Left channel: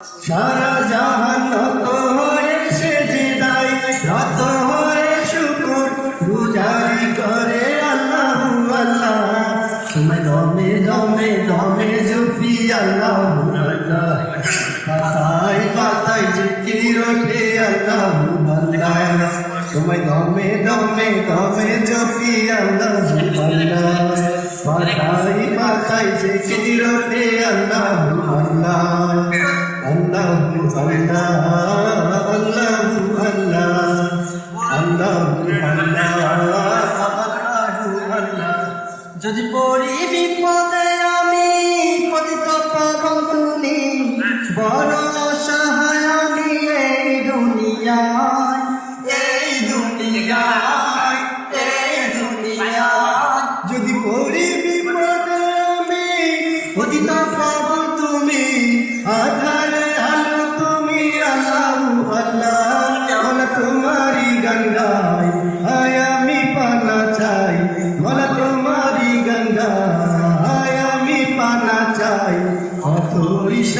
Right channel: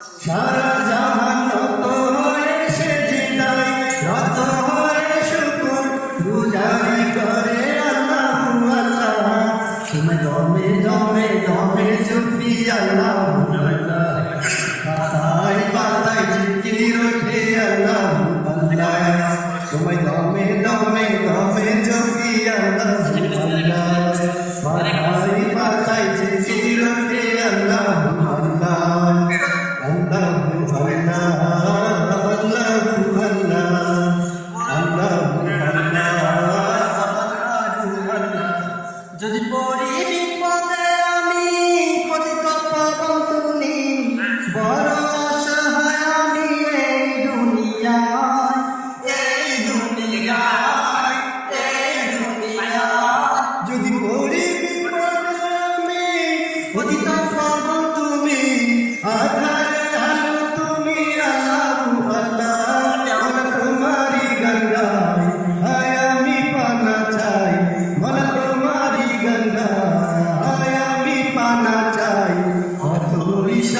সারা জাহান তত হয়ে সেজে দায় রত হয়ে শুকুর আল্লাহ আল্লাহ। দমে দমে দমে আল্লাহ আল্লাহ পড়ি বিপদে আমি পতিত তুমি বড় অসহায় আমি এই দুনিয়ায় এই দুনিয়ায় এই দুনিয়ায়। যদি পড়ি বিপদে আমি পতিত তুমি আধারে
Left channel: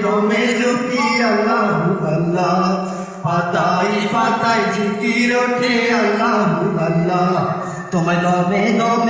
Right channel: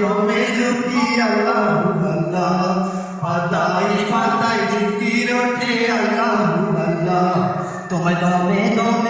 দমে দুটি আল্লাহ আল্লাহ। পাতাই পাতাই ছুটি রোটে আল্লাহ আল্লাহ। তোমার দমে দমে